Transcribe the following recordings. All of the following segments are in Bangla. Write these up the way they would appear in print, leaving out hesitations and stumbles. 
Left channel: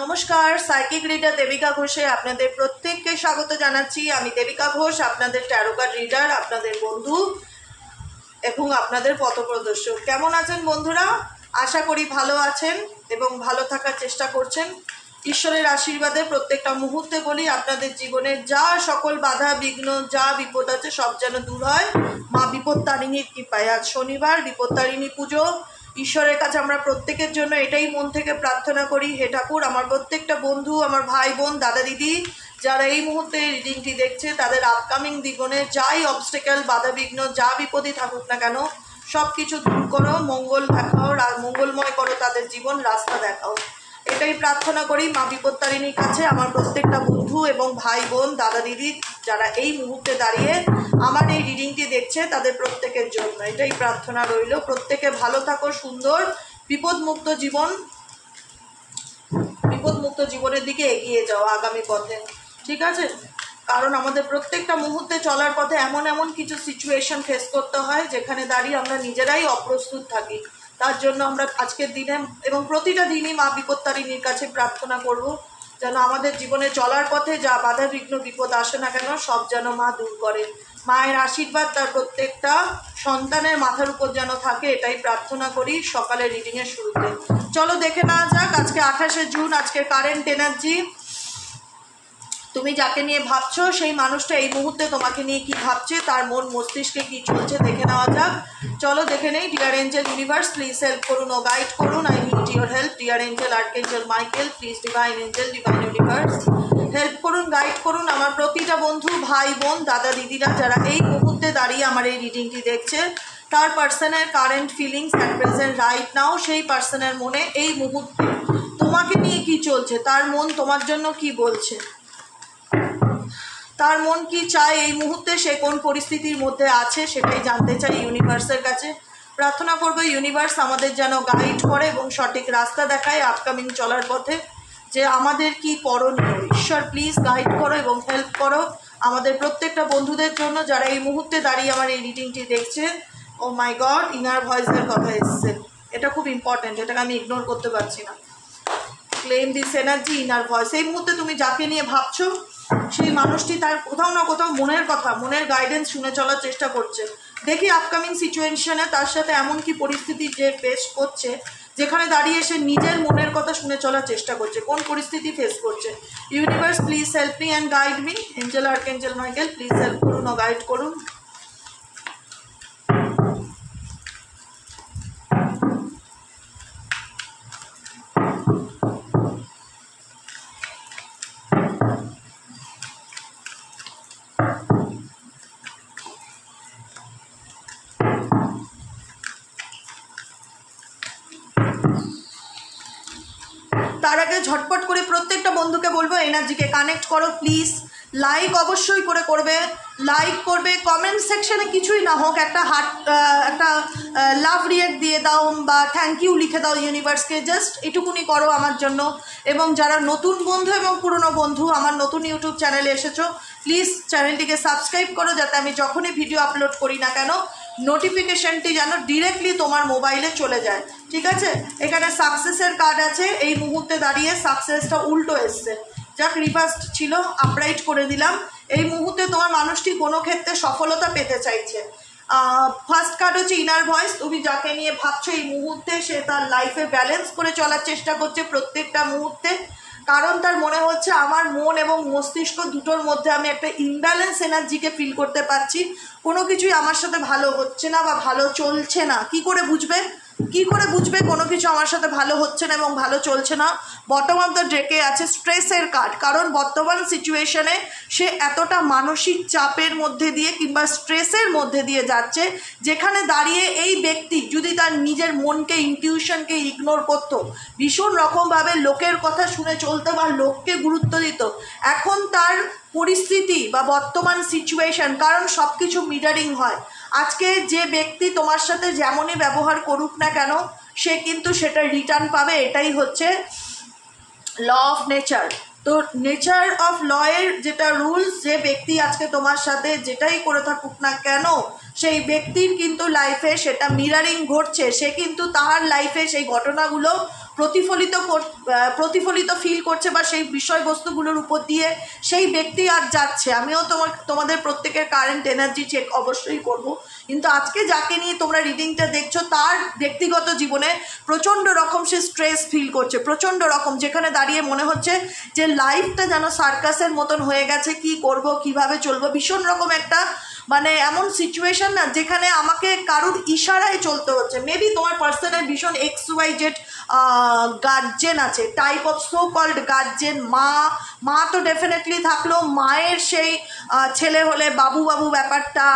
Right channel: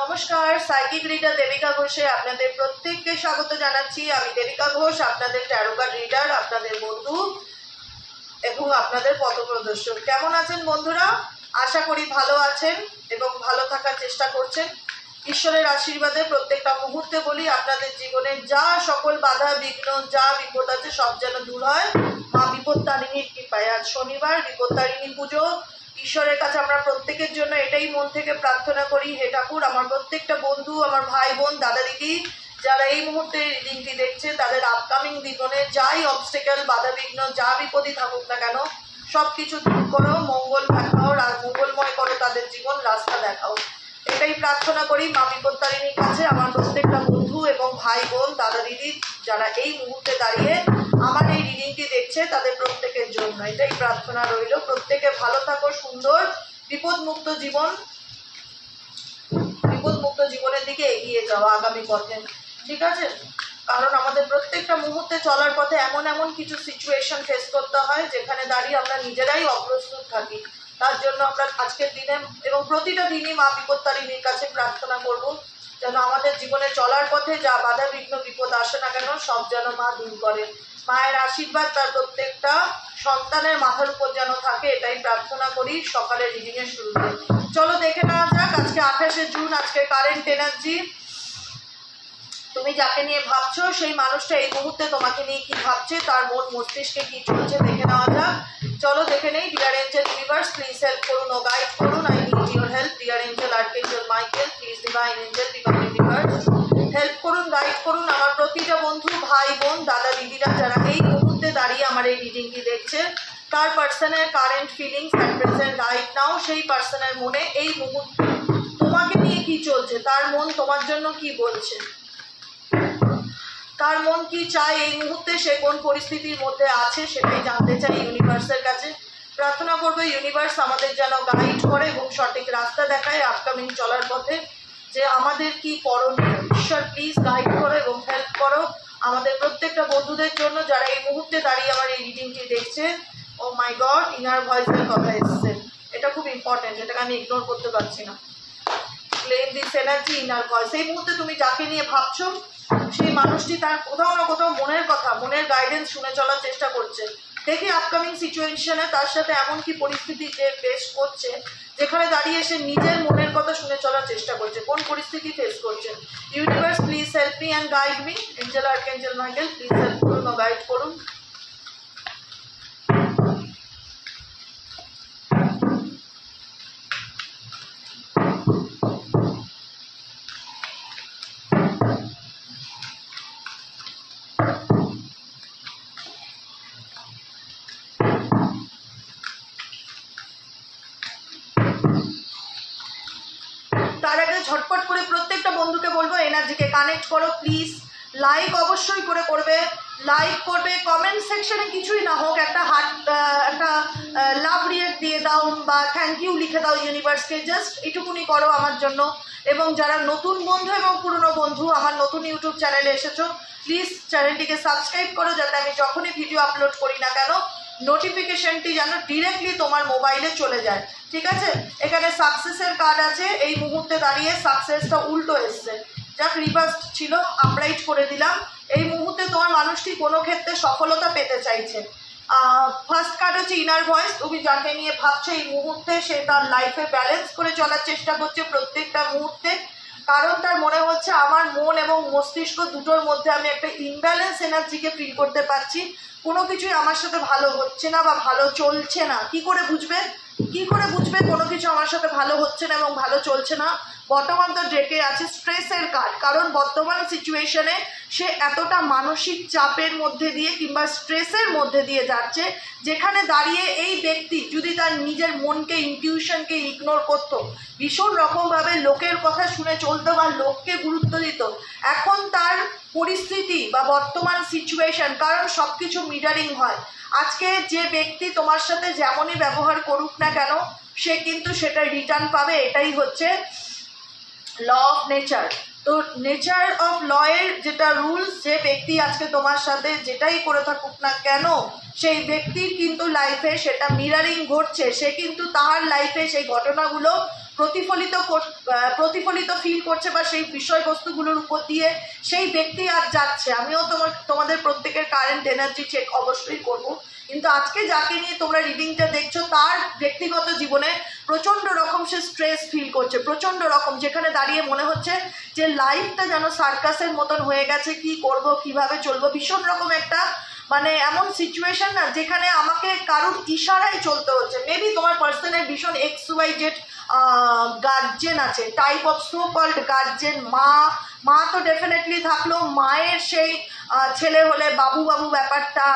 নমস্কার, সাইকিক রিডার দেবিকা ঘোষে আপনাদের প্রত্যেককে স্বাগত জানাচ্ছি। আমি দেবিকা ঘোষ, আপনাদের ট্যারো কার্ড রিডার, আপনাদের বন্ধু এবং আপনাদের পথপ্রদর্শক। কেমন আছেন বন্ধুরা? আশা করি ভালো আছেন এবং ভালো থাকার চেষ্টা করছেন। ঈশ্বরের আশীর্বাদে প্রত্যেকটা মুহূর্তে বলি আপনাদের জীবনের যা সকল বাধা বিঘ্ন যা বিপদ আছে সব যেন দূর হয় মা বিপত্তারিণীর কৃপায়। আজ শনিবার, বিপত্তারিণী পুজো। ঈশ্বরের কাছে আমরা প্রত্যেকের জন্য এটাই মন থেকে প্রার্থনা করি, হে ঠাকুর আমার প্রত্যেকটা বন্ধু, আমার ভাই বোন, দাদা দিদি যারা এই মুহূর্তে রিডিংটি দেখছে তাদের আপকামিং জীবনে যাই অবস্টেকেল বাধা বিঘ্ন যা বিপদই থাকুক না কেন সব কিছু দূর করো, মঙ্গল দেখাও আর মঙ্গলময় করো তাদের জীবন, রাস্তা দেখাও। এটাই প্রার্থনা করি মা বিপত্তারিণীর কাছে আমার প্রত্যেকটা বন্ধু এবং ভাই বোন, দাদা দিদি যারা এই মুহূর্তে দাঁড়িয়ে আমার এই রিডিংটি দেখছে তাদের প্রত্যেকের জন্য এটাই প্রার্থনা রইল। প্রত্যেকে ভালো থাকো, সুন্দর বিপদমুক্ত জীবনের দিকে এগিয়ে যাও আগামী পথে, ঠিক আছে? কারণ আমাদের প্রত্যেকটা মুহূর্তে চলার পথে এমন এমন কিছু সিচুয়েশন ফেস করতে হয় যেখানে দাঁড়িয়ে আমরা নিজেরাই অপ্রস্তুত থাকি। তার জন্য আমরা আজকের দিনে এবং প্রতিটা দিনই মা বিপত্তারিণীর কাছে প্রার্থনা করব যেন আমাদের জীবনে চলার পথে যা বাধা বিঘ্ন বিপদ আসে না কেন সব যেন মা দূর করে। মায়ের আশীর্বাদ তার প্রত্যেকটা সন্তানের মাথার উপর যেন থাকে, এটাই প্রার্থনা করি সকালের রিডিংয়ের শুরুতে। চলো দেখে নেওয়া যাক আজকে 28শে জুন, আজকে কারেন্ট এনার্জি। তুমি যাকে নিয়ে ভাবছো সেই মানুষটা এই মুহূর্তে তোমাকে নিয়ে কি ভাবছে, তার মন মস্তিষ্কে কি চলছে দেখে নেওয়া যাক। চলো দেখে নেই। Dear angel universe, please help করুন ও গাইড করুন। I need your help. Dear angel archangel Michael, please divine angel, divine universe help করুন, গাইড করুন আমার প্রতিটা বন্ধু, ভাই বোন, দাদা দিদিরা যারা এই মুহূর্তে দাঁড়িয়ে আমার এই রিডিংটি দেখছে তার পার্সনের current feelings at present right now. সেই পার্সনের মনে এই মুহূর্তে তোমাকে নিয়ে কি চলছে, তার মন তোমার জন্য কি বলছে, তার মন কি চায় এই মুহূর্তে, সে কোন পরিস্থিতির মধ্যে আছে সেটাই জানতে চাই ইউনিভার্সের কাছে। প্রার্থনা করবো ইউনিভার্স আমাদের যেন গাইড করে এবং সঠিক রাস্তা দেখায় আপকামিং চলার পথে, যে আমাদের কি করণীয়। ঈশ্বর প্লিজ গাইড করো এবং হেল্প করো আমাদের প্রত্যেকটা বন্ধুদের জন্য যারা এই মুহূর্তে দাঁড়িয়ে আমার এই রিডিংটি দেখছে। ও মাই গড, ইনার ভয়েসের কথা এসছে, এটা খুব ইম্পর্টেন্ট, এটাকে আমি ইগনোর করতে পারছি না। Claim this energy, inner voice. এই মুহূর্তে তুমি যাকে নিয়ে ভাবছো সেই মানুষটি তার কোথাও না কোথাও মনের কথা, মনের গাইডেন্স শুনে চলার চেষ্টা করছে। দেখি আপকামিং সিচুয়েশনে তার সাথে এমন কি পরিস্থিতি যে ফেস করছে যেখানে দাঁড়িয়ে সে নিজের মনের কথা শুনে চলার চেষ্টা করছে, কোন পরিস্থিতি ফেস করছে। Universe please help me and guide me. Angel archangel Michael please help করুন ও গাইড করুন। তার আগে ঝটপট করে প্রত্যেকটা বন্ধুকে বলবো এনার্জিকে কানেক্ট করো প্লিজ। লাইক অবশ্যই করে করবে, লাইক করবে, কমেন্ট সেকশনে কিছুই না হোক একটা একটা লাভ রিয়েক্ট দিয়ে দাও বা থ্যাংক ইউ লিখে দাও ইউনিভার্সকে, জাস্ট এটুকুনি করো আমার জন্য। এবং যারা নতুন বন্ধু এবং পুরনো বন্ধু আমার নতুন ইউটিউব চ্যানেলে এসেছো প্লিজ চ্যানেলটিকে সাবস্ক্রাইব করো যাতে আমি যখনই ভিডিও আপলোড করি না কেন নোটিফিকেশনটি যেন ডিরেক্টলি তোমার মোবাইলে চলে যায়, ঠিক আছে? এখানে সাকসেসের কার্ড আছে, এই মুহূর্তে দাঁড়িয়ে সাকসেসটা উল্টো এসছে, যাক রিভার্স ছিল, আপরাইট করে দিলাম। এই মুহূর্তে তোমার মানুষটি কোনো ক্ষেত্রে সফলতা পেতে চাইছে। ফার্স্ট কার্ড হচ্ছে ইনার ভয়েস, তুমি যাকে নিয়ে ভাবছো এই মুহূর্তে সে তার লাইফে ব্যালেন্স করে চলার চেষ্টা করছে প্রত্যেকটা মুহূর্তে, কারণ তার মনে হচ্ছে আমার মন এবং মস্তিষ্ক দুটোর মধ্যে আমি একটা ইমব্যালেন্স এনার্জিকে ফিল করতে পারছি। কোনো কিছুই আমার সাথে ভালো হচ্ছে না বা ভালো চলছে না। কি করে বুঝবে কোনো কিছু আমার সাথে ভালো হচ্ছে না এবং ভালো চলছে না? বটম অফ দ্য ডেকে আছে স্ট্রেসের কার্ড, কারণ বর্তমান সিচুয়েশনে সে এতটা মানসিক চাপের মধ্যে দিয়ে কিংবা স্ট্রেসের মধ্যে দিয়ে যাচ্ছে যেখানে দাঁড়িয়ে এই ব্যক্তি যদি তার নিজের মনকে, ইনটিউশনকে ইগনোর করতো, ভীষণ রকমভাবে লোকের কথা শুনে চলতো বা লোককে গুরুত্ব দিত, এখন তার পরিস্থিতি বা বর্তমান সিচুয়েশন, কারণ সব কিছু মিরারিং হয়, আজকে যে ব্যক্তি তোমার সাথে যেমনই ব্যবহার করুক না কেন সে কিন্তু সেটা রিটার্ন পাবে। এটাই হচ্ছে ল অফ নেচার। তো নেচার অফ ল এর যেটা রুলস, যে ব্যক্তি আজকে তোমার সাথে যেটাই করে থাকুক না কেন সেই ব্যক্তির কিন্তু লাইফে সেটা মিরারিং ঘটছে, সে কিন্তু তার লাইফে সেই ঘটনাগুলো প্রতিফলিত ফিল করছে বা সেই বিষয়বস্তুগুলোর উপর দিয়ে সেই ব্যক্তি আর যাচ্ছে। আমিও তোমাদের প্রত্যেকের কারেন্ট এনার্জি চেক অবশ্যই করব, কিন্তু আজকে যাকে নিয়ে তোমরা রিডিংটা দেখছো তার ব্যক্তিগত জীবনে প্রচণ্ড রকম সে স্ট্রেস ফিল করছে, প্রচণ্ড রকম, যেখানে দাঁড়িয়ে মনে হচ্ছে যে লাইফটা যেন সার্কাসের মতন হয়ে গেছে, কি করব কিভাবে চলবো, ভীষণ রকম একটা মানে এমন সিচুয়েশন না যেখানে আমাকে কারুর ইশারায় চলতে হচ্ছে। মেবি তোমার পার্সনের ভীষণ XYZ গার্জেন আছে, type of so called guardian. মা তো ডেফিনেটলি থাকলো, মায়ের সেই ছেলে হলে বাবু ব্যাপারটা,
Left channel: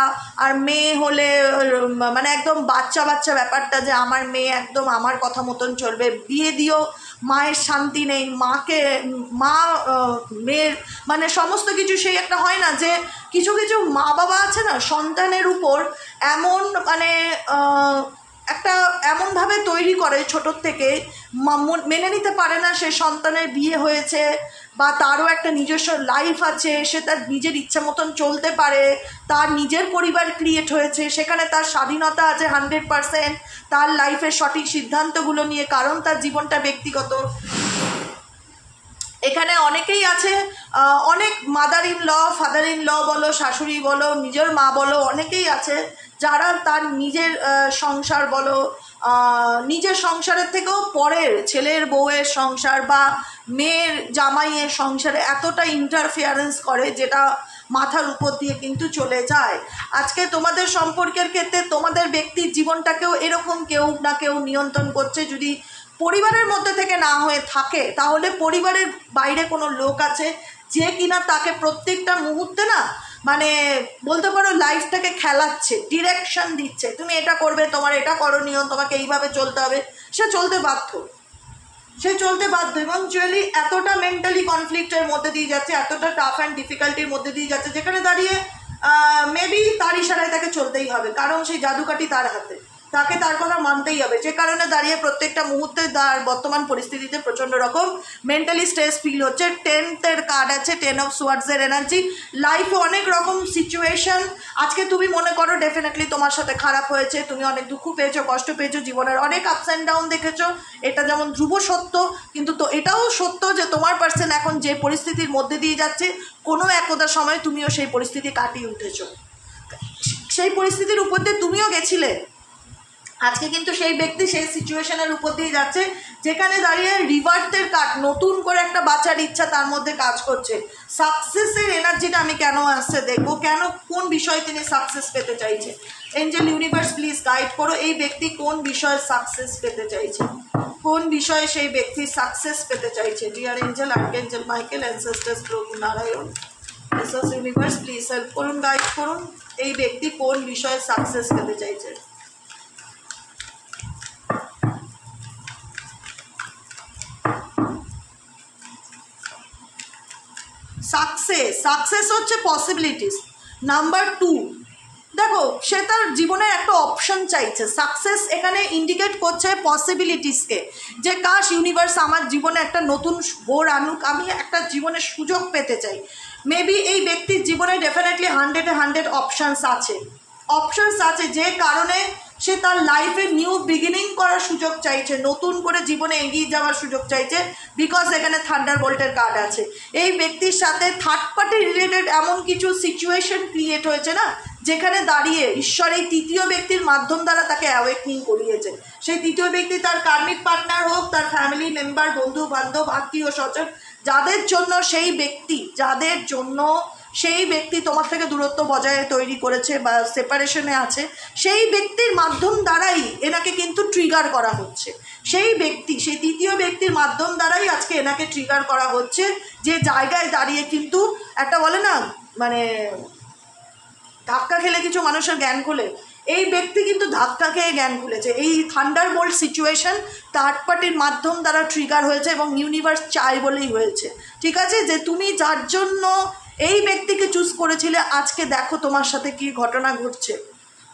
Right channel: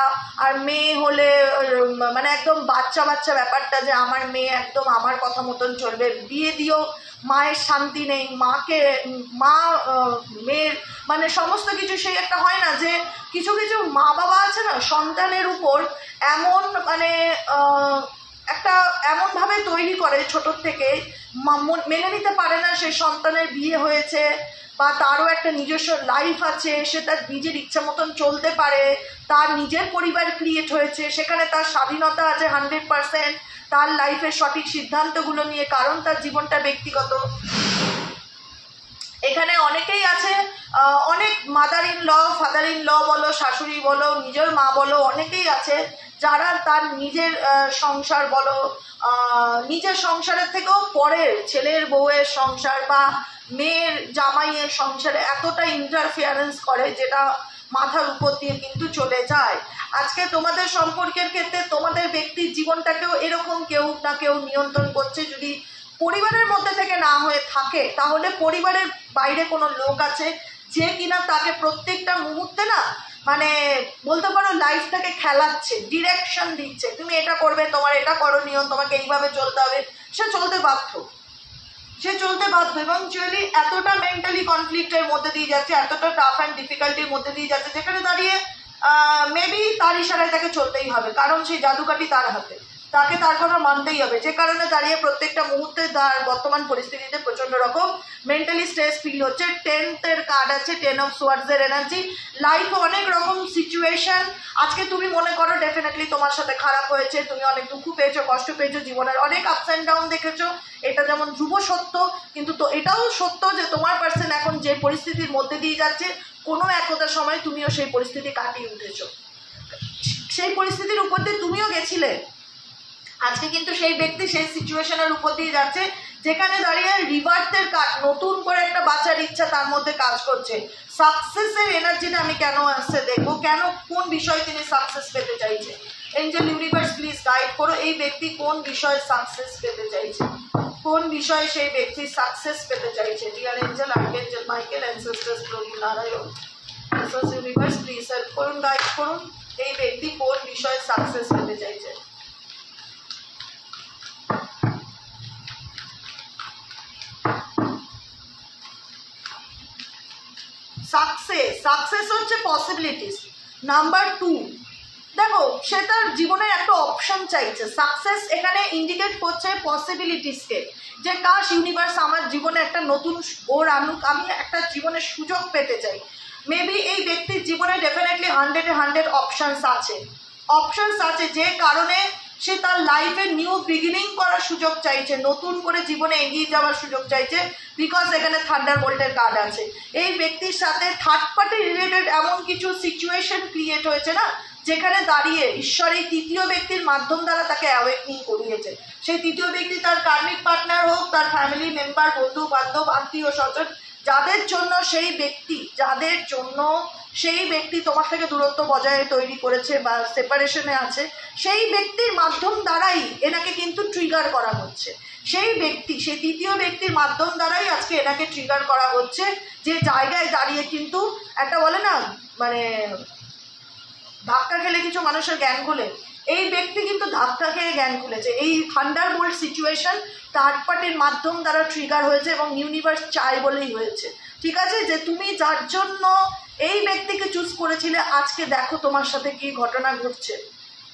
আর মেয়ে হলে মানে একদম বাচ্চা ব্যাপারটা, যে আমার মেয়ে একদম আমার কথা মতন চলবে, বিয়ে দিয়েও মায়ের শান্তি নেই, মা মেয়ের মানে সমস্ত কিছু সেই একটা হয় না যে কিছু মা বাবা আছে না সন্তানের উপর এমন মানে একটা এমনভাবে তৈরি করে ছোটোর থেকে, মেনে নিতে পারে না সে সন্তানের বিয়ে হয়েছে বা তারও একটা নিজস্ব লাইফ আছে, সে তার নিজের ইচ্ছা মতন চলতে পারে, তার নিজের পরিবার ক্রিয়েট হয়েছে, সেখানে তার স্বাধীনতা আছে 100%, তার লাইফের সঠিক সিদ্ধান্তগুলো নিয়ে, কারণ তার জীবনটা ব্যক্তিগত। এখানে অনেকেই আছে, অনেক mother in law, father in law বলো, শাশুড়ি বলো, নিজের মা বলো, অনেকেই আছে যারা তার নিজের সংসার বলো, নিজের সংসারের থেকেও পরের ছেলের বউয়ের সংসার বা মেয়ের জামাইয়ের সংসারে এতটা ইন্টারফিয়ারেন্স করে যেটা মাথার উপর দিয়ে কিন্তু চলে যায়। আজকে তোমাদের সম্পর্কের ক্ষেত্রে তোমাদের ব্যক্তির জীবনটাকেও এরকম কেউ না কেউ নিয়ন্ত্রণ করছে। যদি পরিবারের মধ্যে থেকে না হয়ে থাকে তাহলে পরিবারের বাইরে কোনো লোক আছে যে কিনা তাকে প্রত্যেকটা মুহূর্তে না মানে বলতে পারো লাইফটাকে খেলাচ্ছে, ডিরেকশন দিচ্ছে, তুমি এটা করবে, তোমার এটা করণীয়, তোমাকে এইভাবে চলতে হবে। সে চলতে বাধ্য এবং অ্যাকচুয়ালি এতটা মেন্টালি কনফ্লিক্টের মধ্যে দিয়ে যাচ্ছে, এতটা টাফ অ্যান্ড ডিফিকাল্টির মধ্যে দিয়ে যাচ্ছে, যেখানে দাঁড়িয়ে মেবি তার ইশারায় তাকে চলতেই হবে, কারণ সেই জাদুকাঠি তার হাতে, তাকে তার কথা মানতেই হবে। যে কারণে দাঁড়িয়ে প্রত্যেকটা মুহূর্তে তার বর্তমান পরিস্থিতিতে প্রচণ্ড রকম মেন্টালি স্ট্রেস ফিল হচ্ছে। 10th কার্ড আছে, 10 অফ সোয়ার্ডসের এনার্জি। লাইফে অনেক রকম সিচুয়েশন, আজকে তুমি মনে করো ডেফিনেটলি তোমার সাথে খারাপ হয়েছে, তুমি অনেক দুঃখ পেয়েছো, কষ্ট পেয়েছো, জীবনের অনেক আপস অ্যান্ড ডাউন দেখেছো, এটা যেমন ধ্রুব সত্য, কিন্তু তো এটাও সত্য যে তোমার পার্সন এখন যে পরিস্থিতির মধ্যে দিয়ে যাচ্ছে কোনো একদা সময় তুমিও সেই পরিস্থিতি কাটিয়ে উঠেছো, সেই পরিস্থিতির উপর দিয়ে তুমিও গেছিলে। আজকে কিন্তু সেই ব্যক্তি সেই সিচুয়েশনের উপর দিয়ে যাচ্ছে যেখানে দাঁড়িয়ে রিভার্সের কার্ড, নতুন করে একটা বাঁচার ইচ্ছা তার মধ্যে কাজ করছে। সাকসেসের এনার্জিটা আমি কেন আসছে দেখবো, কেন কোন বিষয়ে তিনি সাকসেস পেতে চাইছে। এঞ্জেল ইউনিভার্স প্লিজ গাইড করো, এই ব্যক্তি কোন বিষয়ে সাকসেস পেতে চাইছে, কোন বিষয়ে সেই ব্যক্তি সাকসেস পেতে চাইছে। Deer angel, archangel Michael, ancestors, প্রভু Narayan, Jesus universe please help করুন, গাইড করুন, এই ব্যক্তি কোন বিষয়ে সাকসেস পেতে চাইছে। সাকসেস হচ্ছে পসিবিলিটিস। নাম্বার 2, দেখো সে তার জীবনের একটা অপশন চাইছে। সাকসেস এখানে ইন্ডিকেট করছে পসিবিলিটিসকে, যে কাশ ইউনিভার্স আমার জীবনে একটা নতুন বোর আনুক, আমি একটা জীবনের সুযোগ পেতে চাই। মেবি এই ব্যক্তির জীবনে ডেফিনেটলি 100 অপশানস আছে, যে কারণে সে তার লাইফে নিউ বিগিনিং করার সুযোগ চাইছে, নতুন করে জীবনে এগিয়ে যাওয়ার সুযোগ চাইছে, বিকজ এখানে থান্ডারবোল্টের কার্ড আছে। এই ব্যক্তির সাথে থার্ড পার্টি রিলেটেড এমন কিছু সিচুয়েশন ক্রিয়েট হয়েছে না, যেখানে দাঁড়িয়ে ঈশ্বর এই তৃতীয় ব্যক্তির মাধ্যম দ্বারা তাকে অ্যাওয়েকনিং করিয়েছে। সেই তৃতীয় ব্যক্তি তার কার্মিক পার্টনার হোক, তার ফ্যামিলি মেম্বার, বন্ধু বান্ধব, আত্মীয় স্বজন, যাদের জন্য সেই ব্যক্তি তোমার থেকে দূরত্ব বজায় তৈরি করেছে বা সেপারেশনে আছে, সেই ব্যক্তির মাধ্যম দ্বারাই এনাকে কিন্তু ট্রিগার করা হচ্ছে। সেই তৃতীয় ব্যক্তির মাধ্যম দ্বারাই আজকে এনাকে ট্রিগার করা হচ্ছে, যে জায়গায় দাঁড়িয়ে কিন্তু একটা বলে না মানে ধাক্কা খেলে কিছু মানুষের জ্ঞান খুলে, এই ব্যক্তি কিন্তু ধাক্কা খেয়ে জ্ঞান খুলেছে। এই থান্ডারবোল্ট সিচুয়েশন থার্ড পার্টির মাধ্যম দ্বারা ট্রিগার হয়েছে এবং ইউনিভার্স চাই বলেই হয়েছে। ঠিক আছে, যে তুমি যার জন্য এই ব্যক্তিকে চুজ করেছিলে, আজকে দেখো তোমার সাথে কি ঘটনা ঘটছে।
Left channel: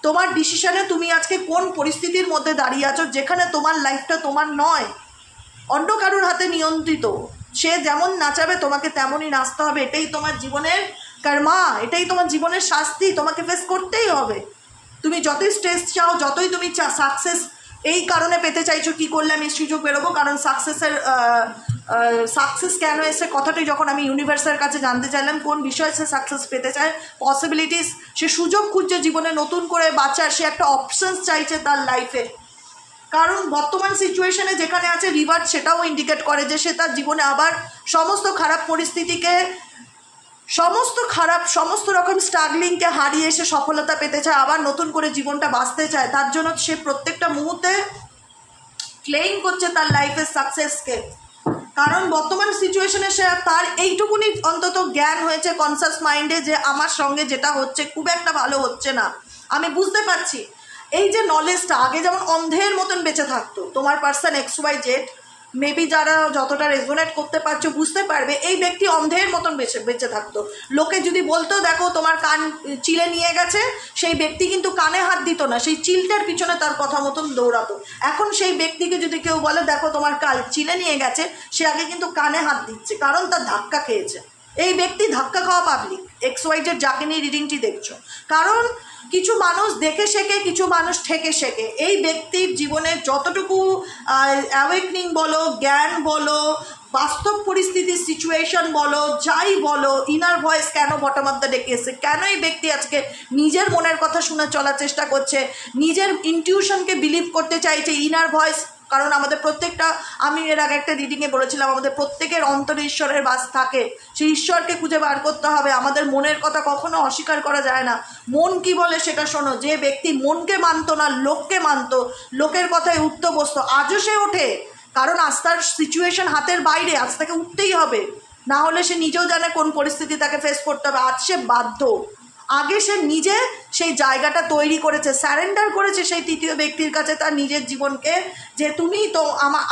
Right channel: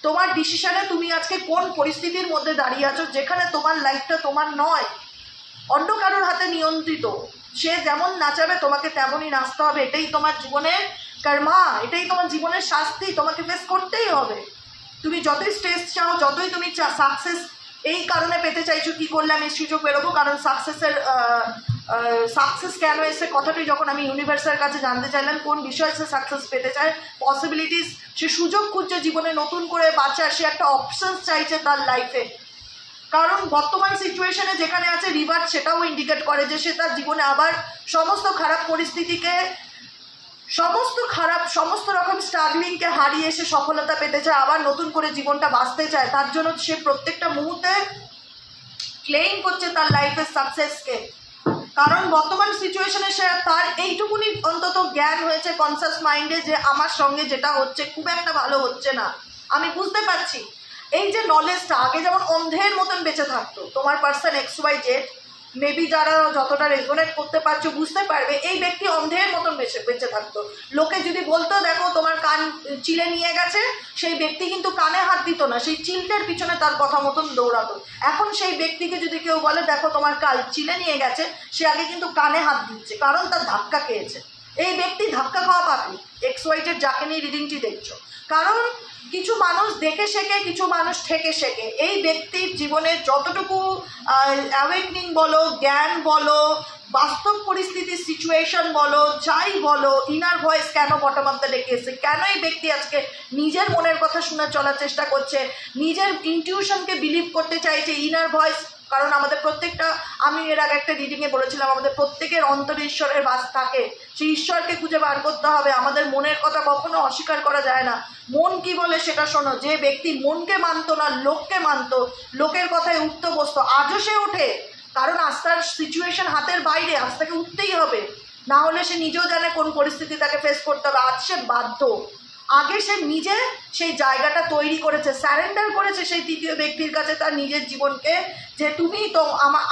তোমার ডিসিশনে তুমি আজকে কোন পরিস্থিতির মধ্যে দাঁড়িয়ে আছো, যেখানে তোমার লাইফটা তোমার নয়, অন্য কারোর হাতে নিয়ন্ত্রিত। সে যেমন নাচাবে তোমাকে তেমনই নাচতে হবে, এটাই তোমার জীবনের কর্মা, এটাই তোমার জীবনের শাস্তি, তোমাকে ফেস করতেই হবে। তুমি যতই স্ট্রেস চাও, যতই তুমি সাকসেস এই কারণে পেতে চাইছো, কি করলে আমি সুযোগ বেরোবো, কারণ সাকসেস কেন এসে কথাটি যখন আমি ইউনিভার্সের কাছে জানতে চাইলাম কোন বিষয়ে সে সাকসেস পেতে চায়, পসিবিলিটিস, সে সুযোগ খুঁজছে জীবনে নতুন করে বাঁচার, সে একটা অপশনস চাইছে তার লাইফে। কারণ বর্তমান সিচুয়েশনে যেখানে আছে রিভার্স সেটাও ইন্ডিকেট করে যে সে তার জীবনে আবার সমস্ত খারাপ পরিস্থিতিকে, সমস্ত রকম স্ট্রাগলিংকে হারিয়ে সে সফলতা পেতে চায়, আবার নতুন করে জীবনটা বাঁচতে চায়। তার জন্য সে প্রত্যেকটা মুহূর্তে ক্লেইম করছে তার লাইফের সাকসেসকে। কারণ বর্তমান সিচুয়েশনে সে তার এইটুকুনি অন্তত জ্ঞান হয়েছে কনসাস মাইন্ডে যে আমার সঙ্গে যেটা হচ্ছে খুব একটা ভালো হচ্ছে না, আমি বুঝতে পারছি। এই যে নলেজটা, আগে যেমন অন্ধের মতন বেঁচে থাকতো, তোমার পার্সন XYZ মেবি যারা যতটা রেজোনেট করতে পারছো বুঝতে পারবে, এই ব্যক্তি অন্ধের মতন বেঁচে থাকতো। লোকে যদি বলতো দেখো তোমার কান চিলে নিয়ে গেছে, সেই ব্যক্তি কিন্তু কানে হাত দিত না, সেই চিলটের পিছনে তার কথা মতন দৌড়াতো। এখন সেই ব্যক্তিকে যদি কেউ বলে দেখো তোমার কাল চিলে নিয়ে গেছে, সে আগে কিন্তু কানে হাত দিচ্ছে, কারণ তার ধাক্কা খেয়েছে। এই ব্যক্তি ধাক্কা খাওয়া পাবলিক, XYZ যাকে নিয়ে রিডিংটি দেখছো। কারণ কিছু মানুষ দেখে শেখে, কিছু মানুষ ঠেকে শেখে। এই ব্যক্তির জীবনে যতটুকু অ্যাওয়েকনিং বলো, জ্ঞান বলো, বাস্তব পরিস্থিতির সিচুয়েশন বলো, যাই বলো, ইনার ভয়েস কেন বটম অফ দ্য ডেকে এসে, কেন এই ব্যক্তি আজকে নিজের মনের কথা শুনে চলার চেষ্টা করছে, নিজের ইনটিউশনকে বিলিভ করতে চাইছে, ইনার ভয়েস। কারণ আমাদের প্রত্যেকটা, আমি এর আগে একটা রিডিংয়ে বলেছিলাম, আমাদের প্রত্যেকের অন্তরে ঈশ্বরের বাস থাকে, সেই ঈশ্বরকে খুঁজে বার করতে হবে। আমাদের মনের কথা কখনো অস্বীকার করা যায় না। মন কি বলে সেটা শোনো। যে ব্যক্তি মনকে মানতো না, লোককে মানতো, লোকের কথায় উঠতে বসতো, আজও সে ওঠে। কারণ আজ তার সিচুয়েশন হাতের বাইরে, আজ তাকে উঠতেই হবে, না হলে সে নিজেও জানে কোন পরিস্থিতি তাকে ফেস করতে হবে। আজ সে বাধ্য। আগে সে নিজে সেই জায়গাটা তৈরি করেছে, স্যারেন্ডার করেছে সেই তৃতীয় ব্যক্তির কাছে তার নিজের জীবনকে, যে তুমি তো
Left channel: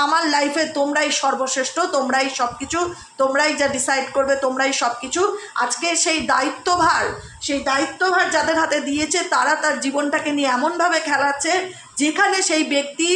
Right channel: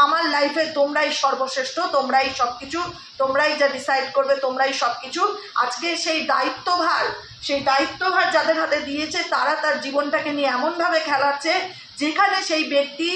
আমার লাইফে তোমরাই সর্বশ্রেষ্ঠ, তোমরাই সব কিছু, তোমরাই যা ডিসাইড করবে, তোমরাই সব কিছু। আজকে সেই দায়িত্বভার যাদের হাতে দিয়েছে, তারা তার জীবনটাকে নিয়ে এমনভাবে খেলাচ্ছে যেখানে সেই ব্যক্তি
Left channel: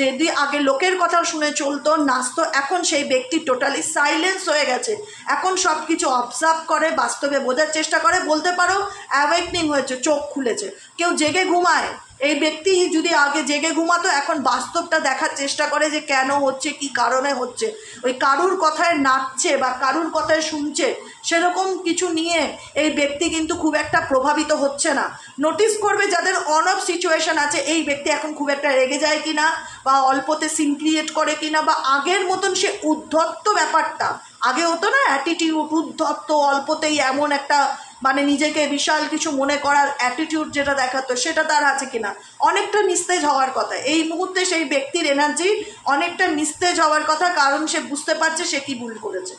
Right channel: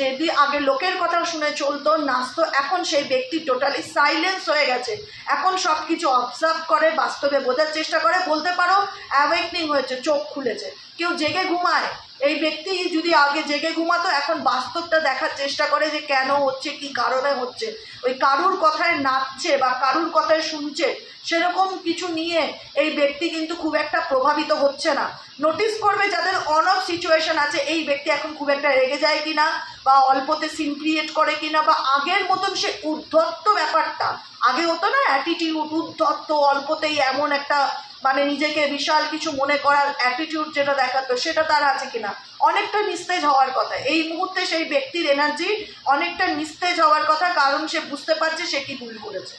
যদি আগে লোকের কথা শুনে চলতো, নাচতো, এখন সেই ব্যক্তি টোটালি সাইলেন্স হয়ে গেছে। এখন সব কিছু অবজার্ভ করে, বাস্তবে বোঝার চেষ্টা করে, বলতে পারো অ্যাওয়েকনিং হয়েছে, চোখ খুলেছে। কেউ জেগে ঘুমায়, এই ব্যক্তি যদি আগে জেগে ঘুমাতো, এখন বাস্তবটা দেখার চেষ্টা করে যে কেন হচ্ছে, কি কারণে হচ্ছে। ওই কারুর কথায় নাচছে বা কারুর কথায় শুনছে, সেরকম কিছু নিয়ে এই ব্যক্তি কিন্তু খুব একটা প্রভাবিত হচ্ছে না। নোটিস করবে যাদের অন অফ সিচুয়েশন আছে, এই ব্যক্তি এখন খুব একটা রেগে যায় কিনা, বা অল্পতে সিন ক্রিয়েট করে কিনা, বা আগের মতন সে উদ্ধত্ত ব্যাপারটা, আগে হতো না অ্যাটিটিউড, উদ্ধত্ত, অল্পতেই এমন একটা মানে নিজেকে বিশাল কিছু মনে করার অ্যাটিটিউড যেটা দেখাতো, সেটা তার আছে কিনা। অনেকটা নিস্তেজ হওয়ার কথা এই মুহূর্তে, সেই ব্যক্তির এনার্জি অনেকটা নিস্তেজ হওয়ার কথা, কারণ সে বুঝতে পারছে সে কি ভুল করেছে।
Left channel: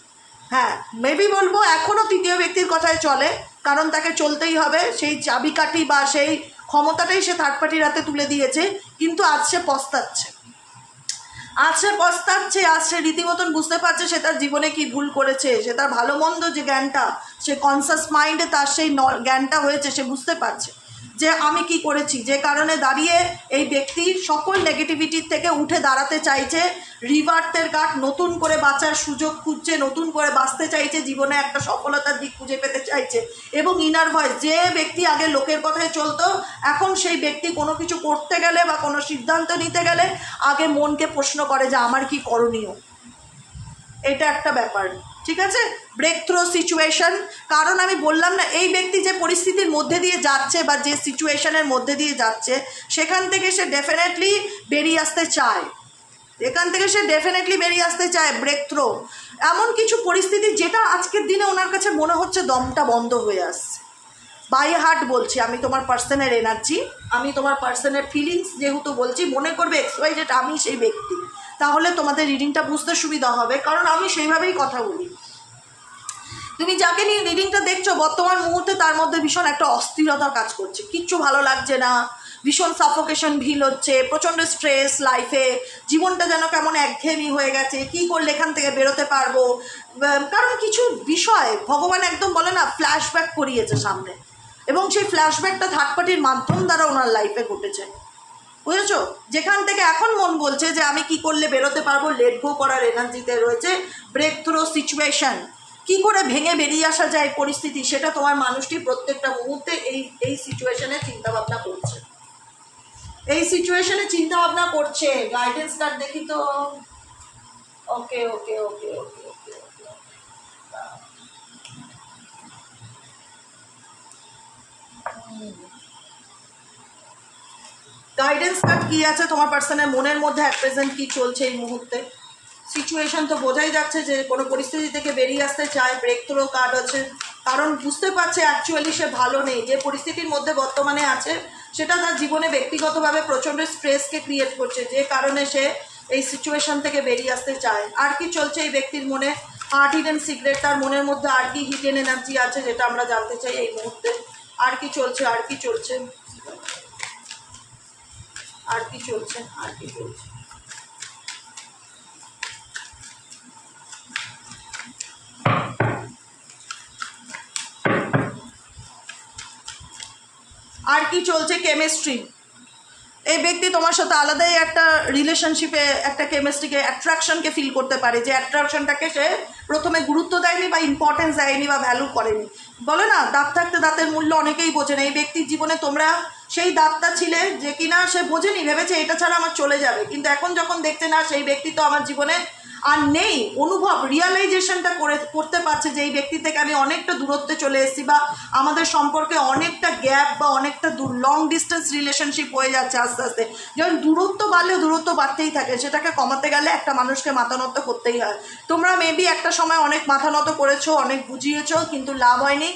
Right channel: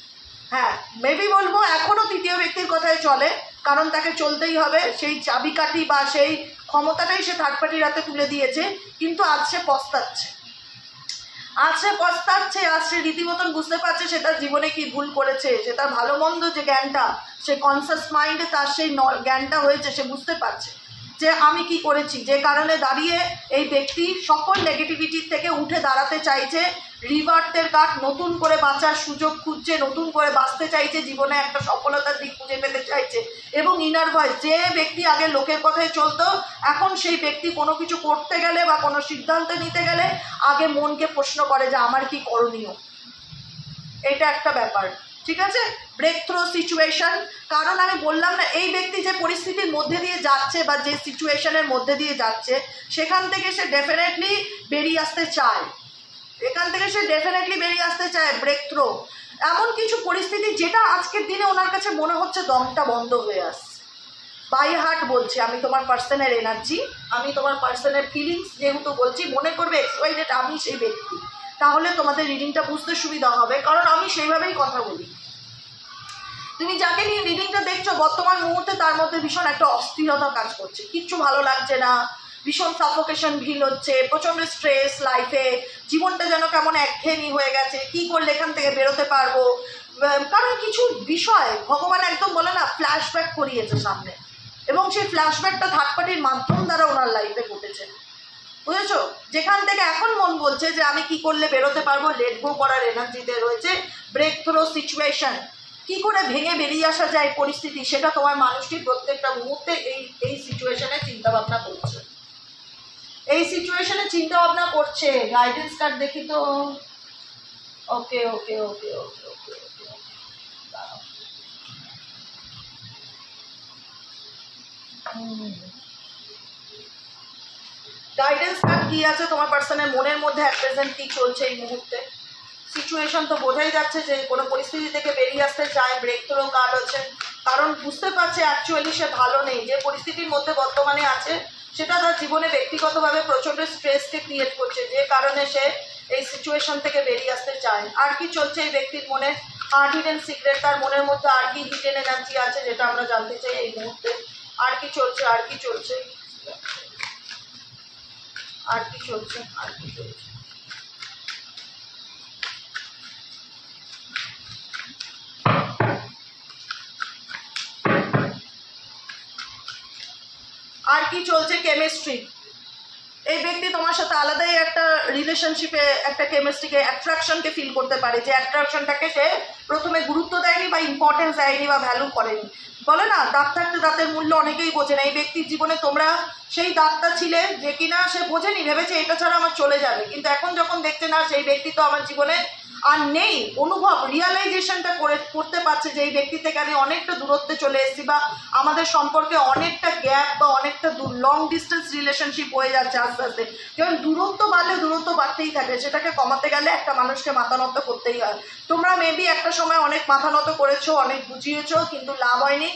হ্যাঁ, মেবি বলবো এখনও তৃতীয় ব্যক্তির কথাই চলে, কারণ তাকে চলতেই হবে, সেই চাবিকাঠি বা সেই ক্ষমতাটাই সে থার্ড পার্টির হাতে তুলে দিয়েছে। কিন্তু আজ সে পস্তাচ্ছে, আজ সে রীতিমতন বুঝতে পারছে সে তার জীবনে কি ভুল করেছে, সে তার ভালো মন্দ যে জ্ঞানটা, সে কনসাস মাইন্ডে তার সেই জ্ঞানটা হয়েছে, সে বুঝতে পারছে যে আমি কি করেছি, যে কারণে দাঁড়িয়ে এই ব্যক্তি সকল নেগেটিভিটির থেকে উঠে দাঁড়াতে চাইছে, রিভার্থের কাঠ, নতুন করে বাঁচার সুযোগ খুঁজছে, নতুন করে বাঁচতে চাইছে, জীবনে একটা সফলতার দিক খুঁজে পেতে চাইছে। এবং ইনার ভয়েস, যে ব্যক্তি আগে লোকের কথায় চলতো, এখন সেই ব্যক্তি কোনো কিছু করতে গেলে বা কোনো সিদ্ধান্ত নিতে গেলে আগে মনকে প্রশ্ন করে যে আমার কি করণীয়। এটা একটা ব্যাপার, ঠিক আছে। ব্রেক থ্রু সিচুয়েশন, কারণ আমি বললাম না, এই ব্যক্তি যে পরিস্থিতির মধ্যে দিয়ে যাচ্ছে বা যে সিচুয়েশনের মধ্যে দিয়ে যাচ্ছে, সেখান থেকে সে ডেফিনেটলি বেরিয়ে আসতে চায়, ব্রেক থ্রু এমন কিছু পরিস্থিতি যেটা আজকের দিনে ওনার কাছে মনে হচ্ছে দমটা বন্ধ হয়ে আসছে। বাই হার্ট বলছি, আমি তোমার পার্সনের এনার্জি, আমি তোমার পার্সনের ফিলিংস যেহেতু বলছি, মনে করবে XYZ আমি সেই ব্যক্তি, তাহলে তোমাদের রিডিংটা বুঝতে সুবিধা হবে, কারণ আমি সেইভাবেই কথা বলি। তুমি যাকে নিয়ে রিডিংটা দেখছো, বর্তমান মুহূর্তে তার মধ্যে ভীষণ একটা অস্থিরতা কাজ করছে, কিচ্ছু ভালো লাগছে না, ভীষণ সাফোকেশন ফিল হচ্ছে, প্রচণ্ড স্ট্রেস লাইফে, জীবনটা যেন কেমন একঘেয়েমি হয়ে গেছে, কি করলে এখান থেকে বেরোতে পারবো। কারণ কিছু বিষয় ভগবান একদম বলে না ফ্ল্যাশব্যাক করিয়েছে সামনে, এবং সেই ফ্ল্যাশব্যাকটা থার্ড পার্টির মাধ্যম দ্বারা ওনার লাইফে ঘটেছে, বুঝেছো। যেখান থেকে এখন মন বলছে যে আমি কি করলে বেরোতে পারবো, লেট গো করার এনার্জিতে রয়েছে। ব্রেক থ্রু সিচুয়েশন, কি করে ভেঙে বেরিয়ে আসা যায় পরিস্থিতি, সেটা তোমার মানুষটি প্রত্যেকটা মুহূর্তে এই সিচুয়েশনে চিন্তা ভাবনা করছে। এই সিচুয়েশনে চিন্তা ভাবনা করছে। গাইডেন্স কার্ড দেখি তো। ওকে ওকে ওকে ওকে ওকে ওকে গাইডেন্স কার্ড কি আছে তোমার পার্সনের মনের মধ্যে অ্যাট প্রেজেন্ট কি চলছে এই মুহূর্তে? সিচুয়েশন তো বোঝাই যাচ্ছে যে কোনো পরিস্থিতি থেকে বেরিয়ে আসতে চায়, ব্রেক থ্রো কার্ড হচ্ছে, কারণ বুঝতে পারছে অ্যাকচুয়ালি সে ভালো নেই। যে পরিস্থিতির মধ্যে বর্তমানে আছে সেটা তার জীবনে ব্যক্তিগতভাবে প্রচণ্ড স্ট্রেসকে ক্রিয়েট করছে, যে কারণে সে এই সিচুয়েশন থেকে বেরিয়ে আসতে চায়। আর কি চলছে এই ব্যক্তির মনে? হার্ট হিডেন সিক্রেট, তার মনের মধ্যে আর কি হিডেন এনার্জি আছে যেটা আমরা জানতে চাই এই মুহূর্তে। আর কি চলছে, আর কি চলছে, আর কি চলছে, আর কি চলছে? আর কি চলছে? কেমিস্ট্রি। এই ব্যক্তি তোমার সাথে আলাদাই একটা রিলেশনশিপে একটা কেমিস্ট্রিকে অ্যাট্রাকশনকে ফিল করতে পারে, যে অ্যাট্রাকশনটাকে সে প্রথমে গুরুত্ব দেয়নি বা ইম্পর্টেন্স দেয়নি বা ভ্যালু করেনি। বলে না দাঁত থাকতে দাঁতের মূল্য অনেকেই বোঝে না। এই ব্যক্তির জীবনে তোমরা সেই দাঁতটা ছিলে যে কিনা সে বোঝেনি, ভেবেছে এটা ছাড়া আমার চলে যাবে, কিন্তু এখন যখন দেখছে না সেই ব্যক্তি তো আমার জীবনে আর নেই, অনুভব রিয়ালাইজেশনটা করতে পারছে যে এই ব্যক্তি থেকে আমি অনেকটা দূরত্বে চলে এসেছি, বা আমাদের সম্পর্কে অনেকটা গ্যাপ বা অনেকটা লং ডিস্টেন্স রিলেশনশিপ হয়ে যাচ্ছে আস্তে আস্তে। যেমন দূরত্ব বাড়লে দূরত্ব বাড়তেই থাকে, সেটাকে কমাতে গেলে একটা মানুষকে মাথা নত করতেই হয়। তোমরা মেবি একটা সময় অনেক মাথা নত করেছো, অনেক বুঝিয়েছো, কিন্তু লাভ হয়নি।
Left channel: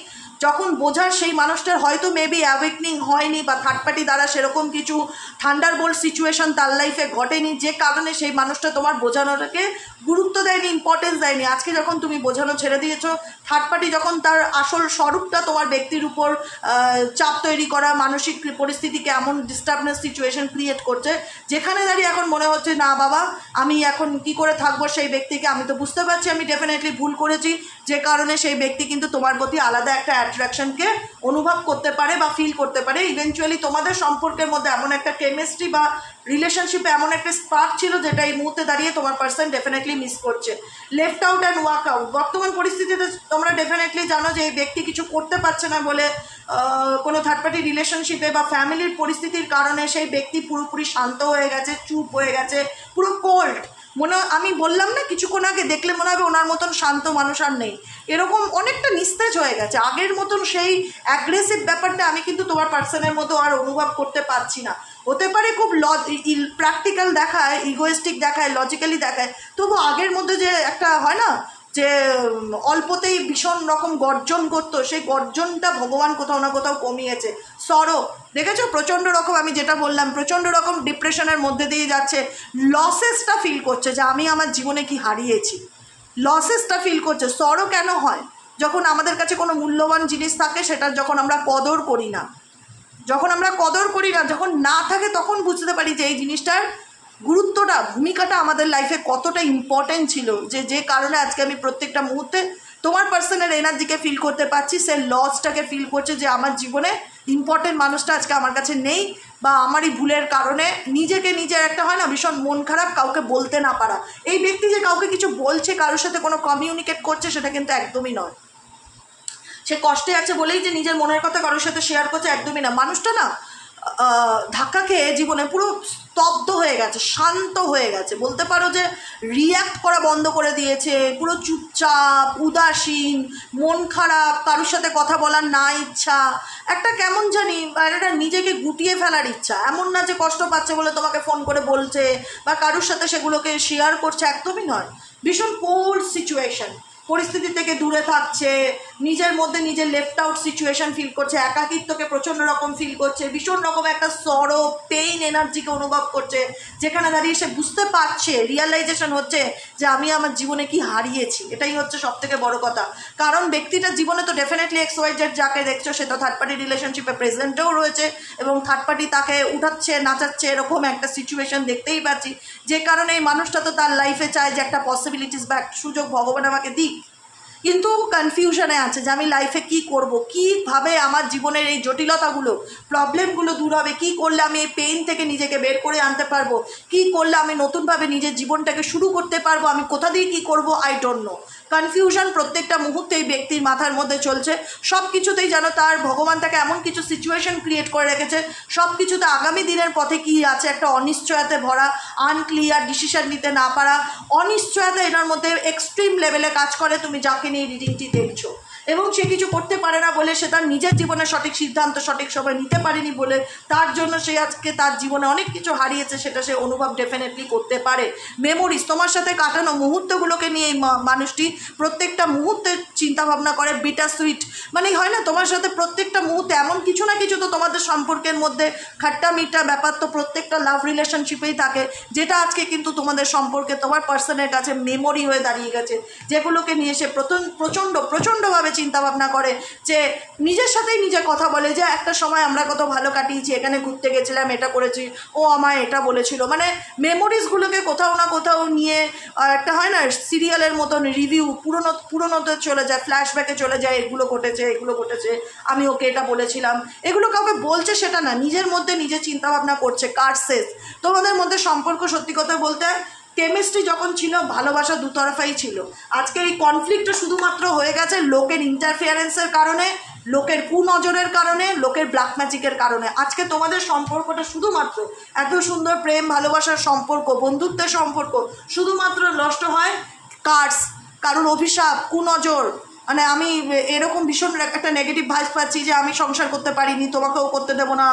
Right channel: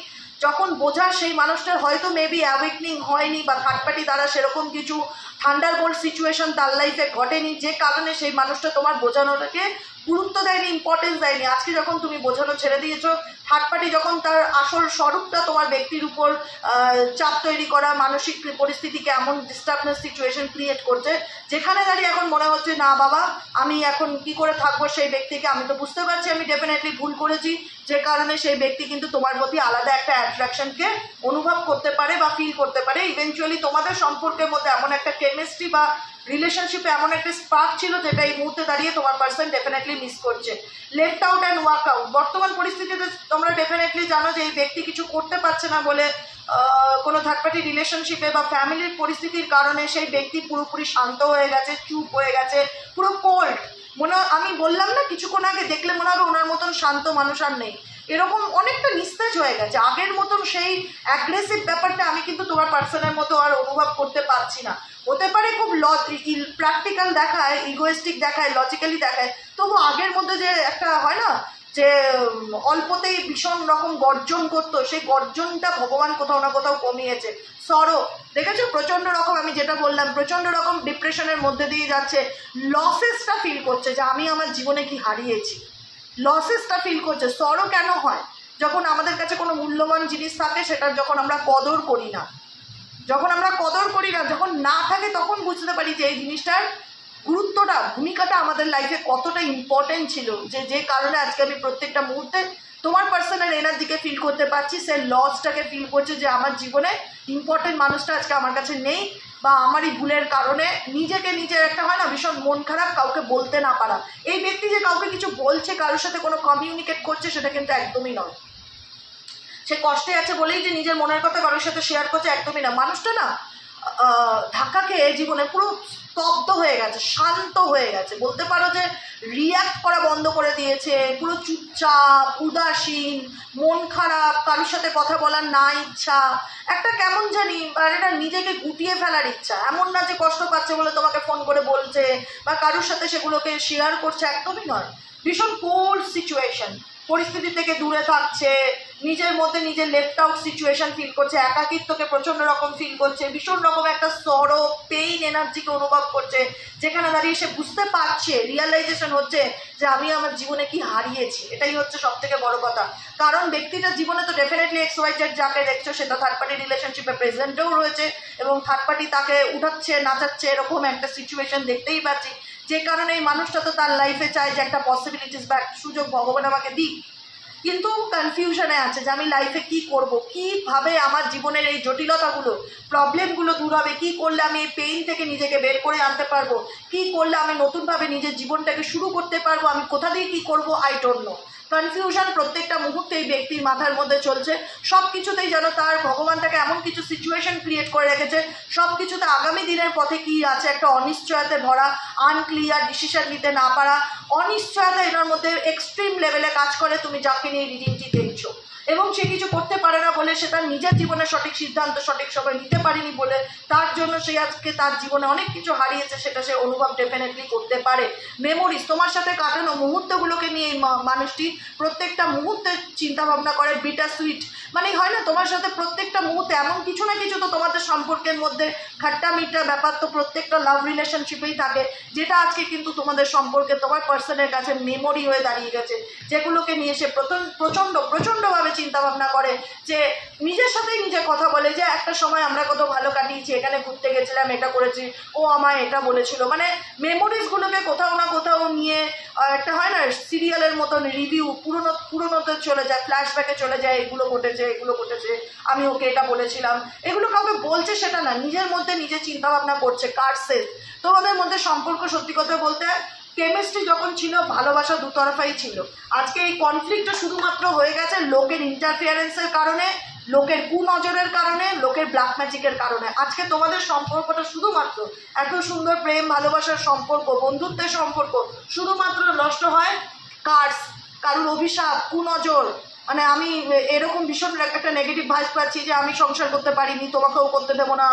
যখন বোঝার সেই মানুষটার হয়তো মেবি অ্যাওয়েকনিং হয়নি, বা থার্ড পার্টি দ্বারা সেরকম কিছু থান্ডারবোল্ট সিচুয়েশন তার লাইফে ঘটেনি, যে কারণে সেই মানুষটা তোমার বোঝানোটাকে গুরুত্ব দেয়নি, ইম্পর্টেন্স দেয়নি। আজকে যখন তুমি বোঝানো ছেড়ে দিয়েছো, থার্ড পার্টি যখন তার আসল স্বরূপটা তোমার ব্যক্তির উপর চাপ তৈরি করা, মানসিক পরিস্থিতিকে এমন ডিস্টার্বনেস সিচুয়েশন ক্রিয়েট করছে, যেখানে দাঁড়িয়ে এখন মনে হচ্ছে না বাবা আমি এখন কি করে থাকবো সেই ব্যক্তিকে, আমি তো বুঝতে পারছি আমি ডেফিনেটলি ভুল করেছি, যে কারণে সেই ব্যক্তি কিন্তু তোমার প্রতি আলাদা একটা অ্যাট্রাকশনকে অনুভব করতে পারে বা ফিল করতে পারে। ইভেনচুয়ালি তোমাদের সম্পর্কের মধ্যে এমন একটা কেমিস্ট্রি বা রিলেশনশিপে এমন একটা স্পার্ক ছিল যেটা এই মুহূর্তে দাঁড়িয়ে তোমার পার্সন ডেফিনেটলি মিস করছে। Left out and walk out. বর্তমান পরিস্থিতিতে তোমরা ডেফিনেটলি জানো যে এই ব্যক্তি কিছু করতে পারছে না বলে কোনো থার্ড পার্টি রিলেশনশিপে বা ফ্যামিলির পরিস্থিতির কারণে সেই ব্যক্তি পুরোপুরি শান্ত হয়ে গেছে, চুপ হয়ে গেছে, পুরো কোল্ড। আমি বললাম না কিছুক্ষণ আগে, দেখলে মনে হবে ওনার মতন শান্ত মানুষ আর নেই, এরকম অনেকটা নিস্তেজ হয়ে গেছে। আগের মতন সেই অ্যাগ্রেসিভ ব্যাপারটা আমি কিন্তু তোমার পার্সনের মতো আর অনুভব করতে পারছি না। হতে পারে খুব প্র্যাকটিক্যাল দেখায়, ইগোয়েস্টিক দেখায়, লজিক্যালি দেখায়, তবু আগের মধ্যে যে একটা হয় না যে অল্পতেই ভীষণ রকম গর্জন করতো, সেই গর্জনটা ভগবান কোথাও না কোথাও কমিয়েছে। সরো দেখেছো প্রচণ্ড রকম, আমি যেটা বললাম প্রচণ্ড রকম ডিপ্রেশনের মধ্যে দিয়ে যাচ্ছে, লসেসটা ফিল করছে যে আমি আমার জীবনে কি হারিয়েছি, লসেসটা ফিল করছে। সরো কেন হয়? যখন আমাদের কাছে কোনো মূল্যবান জিনিস থাকে সেটার যখন আমরা কদর করি না, যখন আমরা কদর করি না, যখন না থাকে তখন বুঝতে পারি যে এই জিনিসটার গুরুত্বটা, ভূমিকাটা আমাদের লাইফে কতটা ইম্পর্টেন্ট ছিল, যে কারণে আজকে আমি প্রত্যেকটা মুহূর্তে তোমার পার্সনের এনার্জিকে ফিল করতে পারছি, সে লসটাকে ফিল করছে যে আমার জীবনে ইম্পর্টেন্ট মানুষটা আজকে আমার কাছে নেই, বা আমারই ভুলের কারণে নিজেকে নিজের একটা হয় না ভীষণ মন খারাপ, কাউকে বলতে না পারা। এই ব্যক্তি যে কাউকে কিছু বলছে, কারোর সাথে কোনো কমিউনিকেট করছে, সেটা কিন্তু একদমই নয়। সে কষ্টে আছে বলেই যে নিজের মনের কথা কারোর সাথে শেয়ার করছে, একদমই না। মানুষটা না ধাক্কা খেয়ে জীবনে পুরো স্তব্ধ হয়ে গেছে, শান্ত হয়ে গেছে, বলতে পারো যে রিয়্যাক্ট করা বন্ধ করে দিয়েছে, পুরো চুপচাপ, উদাসীন, মন খারাপ, কারোর সাথে কথা বলার না ইচ্ছা, একটা কেমন জানি এটা নিজেকে গুটিয়ে ফেলার ইচ্ছা। এমন না যে কষ্ট পাচ্ছে বলে তোমাকে ফোন করে বলছে বা কারোর সাথে সেগুলোকে শেয়ার করছে, একদমই নয়। ভীষণ কোল্ড সিচুয়েশন, পরিস্থিতি থেকে দূরে থাকছে, নিজের মধ্যে নিজের লেফট আউট সিচুয়েশন ফিল করছে, একাকিত্বকে প্রচণ্ড রকম ফিল করছে, ভীষণ রকম একটা সরো পেইন এনার্জিকে অনুভব করছে, যেখানে দাঁড়িয়ে সে বুঝতে পারছে, রিয়ালাইজেশন হচ্ছে যে আমি আমার জীবনে কি হারিয়েছি। এটাই হচ্ছে সব থেকে বড় কথা। কারণ ব্যক্তিটার জীবনে তো ডেফিনেটলি XYZ যাকে দেখছো সে তো থার্ড পার্টি রিলেশনশিপে প্রেজেন্টেও রয়েছে, এবং থার্ড পার্টি তাকে উঠাচ্ছে নাচাচ্ছে, এরকম একটা সিচুয়েশন দেখতেই পাচ্ছি, যে কারণে এই মানুষটা তো তার লাইফে চায় যে একটা পসিবিলিটিস বা একটা সুযোগ ভগবান আমাকে দিক, কিন্তু কনফিউশনে আছে যে আমি লাইফে কি করব, কিভাবে আমার জীবনের এই জটিলতাগুলো, প্রবলেমগুলো দূর হবে, কি করলে আমি এই পেইন থেকে নিজেকে বের করে আনতে পারবো, কি করলে আমি নতুনভাবে নিজের জীবনটাকে শুরু করতে পারবো, আমি কোথা দিয়ে কি করব, আই ডোন্ট নো। কনফিউশন প্রত্যেকটা মুহূর্তে এই ব্যক্তির মাথার মধ্যে চলছে। সব কিছুতেই যেন তার ভগবান তাকে এমন কিছু সিচুয়েশন ক্রিয়েট করে রেখেছে, সব কিছুতে আগামী দিনের পথে কি আছে একটা অনিশ্চয়তাতে ভরা, আনক্লিয়ার, ডিসিশন নিতে না পারা, অনিশ্চয়তা এনার মধ্যে এক্সট্রিম লেভেলে কাজ করে তুমি যাকে নিয়ে রিডিংটি দেখছো। এবং সে কিছু করতে পারে না বলে, সে তার নিজের জীবনে সঠিক সিদ্ধান্ত সঠিক সময় নিতে পারেনি বলে, তার জন্য সে আজকে তার জীবনে অনেক কিছু হারিয়েছে, সেটা সে অনুভব ডেফিনেটলি করতে পারে। মেমোরিজ, তোমার সাথে কাটানো মুহূর্তগুলোকে নিয়ে এই মানুষটি প্রত্যেকটা মুহূর্তে চিন্তাভাবনা করে। বিটার সুইট মানে হয় না, তোমার সাথে প্রত্যেকটা মুহূর্তে এমন কিছু না কিছু তো তোমাদের সম্পর্কের মধ্যে খাট্টা মিঠা ব্যাপার তো প্রত্যেকটা লাভ রিলেশনশিপেই থাকে, যেটা আজকে কিন্তু তোমাদের সম্পর্কে তোমার পার্সনের কাছে মেমোরি হয়ে দাঁড়িয়ে গেছে, যেগুলোকে নিয়ে সে প্রচণ্ডভাবে চিন্তা ভাবনা করে, যে নিজের সাথেই নিজে কথা বলে যে একটা সময় আমরা কত ভালো কাটিয়েছি, এখানে ঘুরতে গেছিলাম, এটা করেছি, ও আমায় এটা বলেছিল। মানে মেমোরিজগুলোকে কোথাও না কোথাও নিয়ে একটা হয় না সিরিয়ালের মতন রিভিউ পুরনোতে চলে যায়, ফ্ল্যাশব্যাকে চলে যায়, এগুলো ঘটেছে, আমি ওকে এটা বলেছিলাম। এগুলো কাউকে বলছে সেটা না, নিজের মধ্যে নিজে চিন্তাভাবনা করছে। কার্সেস তোমাদের মধ্যে সম্পর্ক সত্যি কথা বলতে কেমিস্ট্রি যখন ছিল, ভালোবাসা দুতরফাই ছিল। আজকে এই কনফ্লিক্টটা শুধুমাত্র হয়ে গেছে লোকের ইন্টারফিয়ারেন্সের কারণে, লোকের কুনজরের কারণে, লোকের ব্ল্যাক ম্যাজিকের কারণে। আজকে তোমাদের সম্পর্কটা শুধুমাত্র এত সুন্দর প্রেম ভালোবাসার সম্পর্ক, বন্ধুত্বের সম্পর্ক শুধুমাত্র নষ্ট হয় কার্স, কারুর অভিশাপ, কুনজর। মানে আমি এরকম ভীষণ একটা নেগেটিভ ভাইস পাচ্ছি যে আমি সংসার করতে পারিনি, তোমাকেও করতে দেবো না,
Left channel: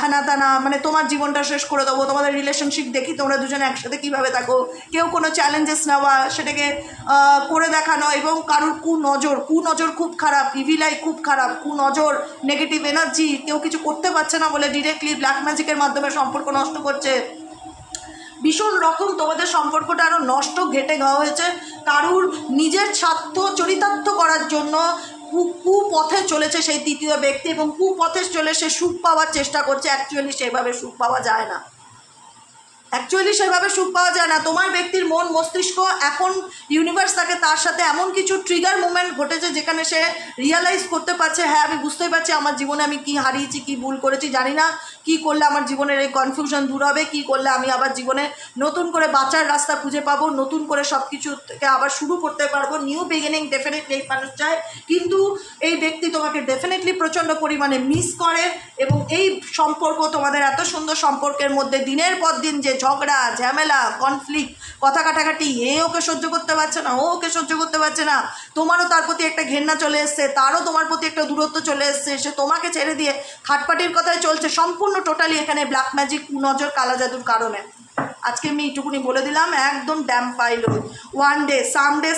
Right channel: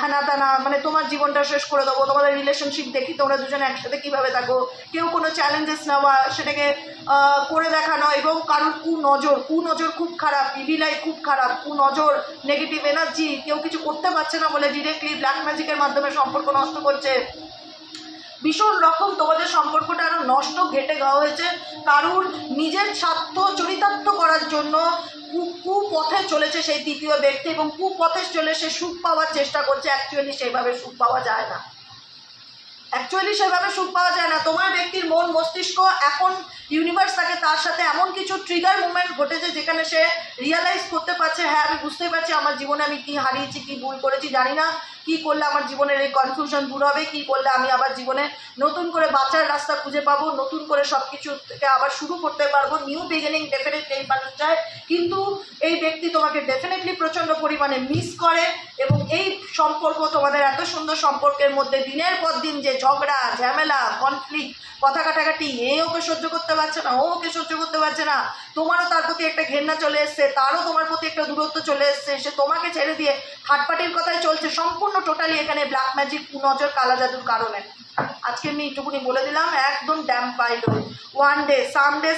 হ্যানা তানা, মানে তোমার জীবনটা শেষ করে দেবো। তোমাদের রিলেশনশিপ দেখি তোমরা দুজনে একসাথে কীভাবে থাকো, কেউ কোনো চ্যালেঞ্জেস নেওয়া, সেটাকে করে দেখানো, এবং কারুর কুনজর খুব খারাপ, ইভিলাই খুব খারাপ, কুনজর, নেগেটিভ এনার্জি, কেউ কিছু করতে পারছে না বলে ডিরেক্টলি ব্ল্যাক ম্যাজিকের মাধ্যমে সম্পর্ক নষ্ট করছে। ভীষণ রকম তোমাদের সম্পর্কটা আরও নষ্ট ঘেটে গাওয়া হয়েছে। কারুর নিজের স্বার্থ চরিতার্থ করার জন্য কুপথে চলেছে সেই তৃতীয় ব্যক্তি, এবং কুপথে চলে সে সুখ পাওয়ার চেষ্টা করছে। অ্যাকচুয়ালি সেভাবে সুখ পাওয়া যায় না, তোমার ব্যক্তির মন মস্তিষ্ক এখন ইউনিভার্স তাকে তার সাথে এমন কিছু ট্রিগার মুভমেন্ট ঘটেছে যেখানে সে রিয়ালাইজ করতে পারছে, হ্যাঁ আমি বুঝতে পারছি আমার জীবনে আমি কি হারিয়েছি, কি ভুল করেছি, জানি না কি করলে আমার জীবনের এই কনফিউশন দূর হবে, কি করলে আমি আবার জীবনে নতুন করে বাঁচার রাস্তা খুঁজে পাবো, নতুন করে সব কিছু থেকে আবার শুরু করতে পারবো। নিউ বিগিনিং ডেফিনেটলি এই মানুষ চায়, কিন্তু এই ব্যক্তি তোমাকে ডেফিনেটলি প্রচণ্ড পরিমাণে মিস করে। এবং এই সম্পর্ক, তোমাদের এত সুন্দর সম্পর্কের মধ্যে দিনের পর দিন যে ঝগড়া ঝামেলা কনফ্লিক্ট কথা কাটাকাটি, এ ওকে সহ্য করতে পারছে না, ও ওকে সহ্য করতে পারছে না, তোমারও তার প্রতি একটা ঘেন্না চলে এসছে, তারও তোমার প্রতি একটা দূরত্ব চলে এসছে, সে তোমাকে ছেড়ে দিয়ে থার্ড পার্টির কথায় চলছে, সম্পূর্ণ টোটালি এখানে ব্ল্যাক ম্যাজিক, কুনজর, কালা জাদুর কারণে। আজকে আমি এইটুকুনি বলে দিলাম, একদম ড্যাম পাইল। One day,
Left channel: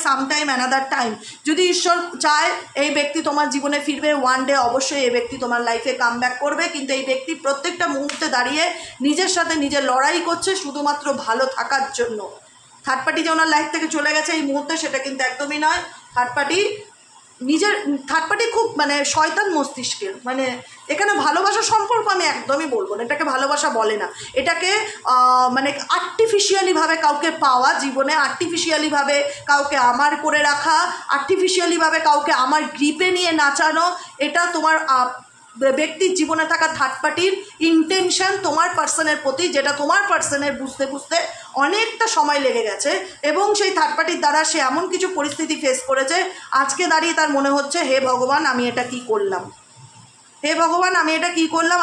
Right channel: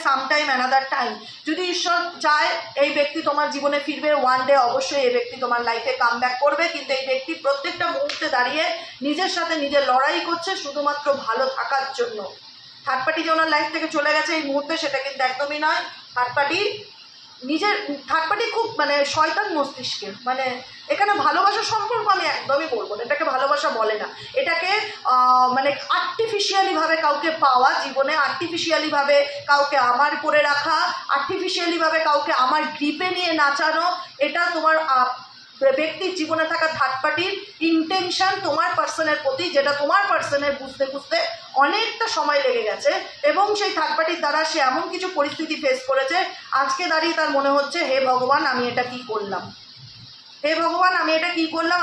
sometime, another time, যদি ঈশ্বর চায় এই ব্যক্তি তোমার জীবনে ফিরবে, ওয়ান ডে অবশ্যই এই ব্যক্তি তোমার লাইফে কাম ব্যাক করবে। কিন্তু এই ব্যক্তি প্রত্যেকটা মুহূর্তে দাঁড়িয়ে নিজের সাথে নিজের লড়াই করছে শুধুমাত্র ভালো থাকার জন্য। থার্ড পার্টি যে ওনার লাইফ থেকে চলে গেছে এই মুহূর্তে, সেটা কিন্তু একদমই নয়। থার্ড পার্টি খুব মানে শয়তান মস্তিষ্কের, মানে এখানে ভালোবাসার সম্পর্ক আমি একদমই বলবো না, এটাকে ভালোবাসা বলে না, এটাকে মানে আর্টিফিশিয়ালিভাবে কাউকে পাওয়া, জীবনে আর্টিফিশিয়ালিভাবে কাউকে আমার করে রাখা, আর্টিফিশিয়ালিভাবে কাউকে আমার গ্রিপে নিয়ে নাচানো, এটা তোমার ব্যক্তির জীবনে থাকা থার্ড পার্টির ইন্টেনশন তোমার পার্সনের প্রতি, যেটা তোমার পার্সনের বুঝতে বুঝতে অনেকটা সময় লেগে গেছে। এবং সেই থার্ড পার্টির দ্বারা সে এমন কিছু পরিস্থিতি ফেস করেছে, আজকে দাঁড়িয়ে তার মনে হচ্ছে হে ভগবান আমি এটা কি করলাম,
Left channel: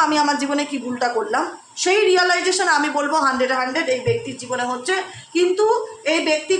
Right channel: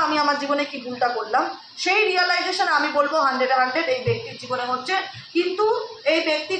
আমি আমার জীবনে কি ভুলটা করলাম। সেই রিয়েলাইজেশন আমি বলবো 100 এই ব্যক্তির জীবনে হচ্ছে। কিন্তু এই ব্যক্তি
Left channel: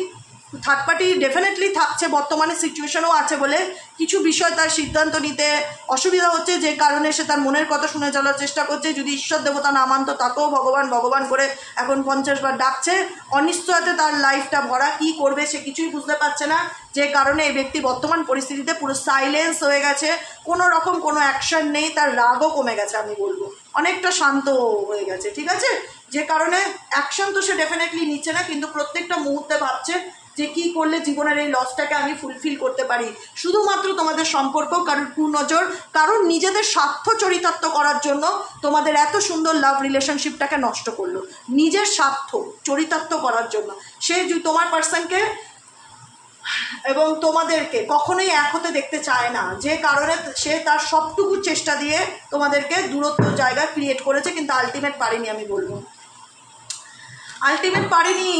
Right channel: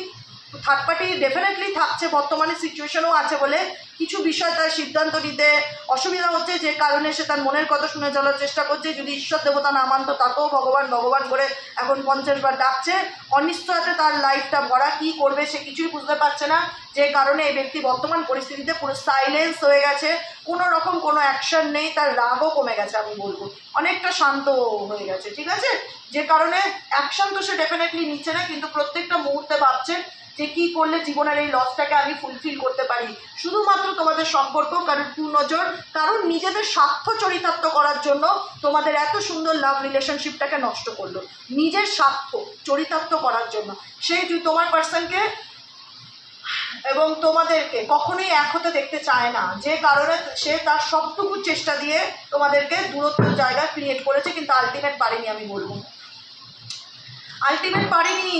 থার্ড পার্টি ডেফিনেটলি থাকছে, বর্তমানে সিচুয়েশনও আছে বলে কিছু বিষয় তার সিদ্ধান্ত নিতে অসুবিধা হচ্ছে, যে কারণে সে তার মনের কথা শুনে চলার চেষ্টা করছে। যদি ঈশ্বর দেবতা না মানত তাকেও ভগবান করে এখন 50 বার ডাকছে। অনিশ্চয়তাতে তার লাইফটা ভরা, কি করবে সে কিছুই বুঝতে পারছে না, যে কারণে এই ব্যক্তি বর্তমান পরিস্থিতিতে পুরো সাইলেন্স হয়ে গেছে, কোনো রকম কোনো অ্যাকশন নেই, তার রাগও কমে গেছে, আমি বলবো অনেকটা শান্ত হয়ে গেছে, ঠিক আছে। যে কারণে অ্যাকশন তো সে ডেফিনেটলি নিচ্ছে না, কিন্তু প্রত্যেকটা মুহূর্তে ভাবছে যে কি করলে জীবনের এই লসটাকে আমি ফুলফিল করতে পারি। শুধুমাত্র তোমাদের সম্পর্ক কারোর কুনজর, কারোর নিজেদের স্বার্থ চরিতার্থ করার জন্য তোমাদের এত সুন্দর লাভ রিলেশনশিপটাকে নষ্ট করলো, নিজের স্বার্থ চরিতার্থ করার জন্য। সে তোমার পার্সনকে এবং তোমাদেরকে কখনোই এক হতে দেখতে চায় না, যে কারণে সে তার সবটুকু চেষ্টা দিয়ে তোমাদেরকে দূরত্ব জায়গা ক্রিয়েট করেছে, কিন্তু আলটিমেট পারেনি, আমি বলবো আলটিমেট পারেনি।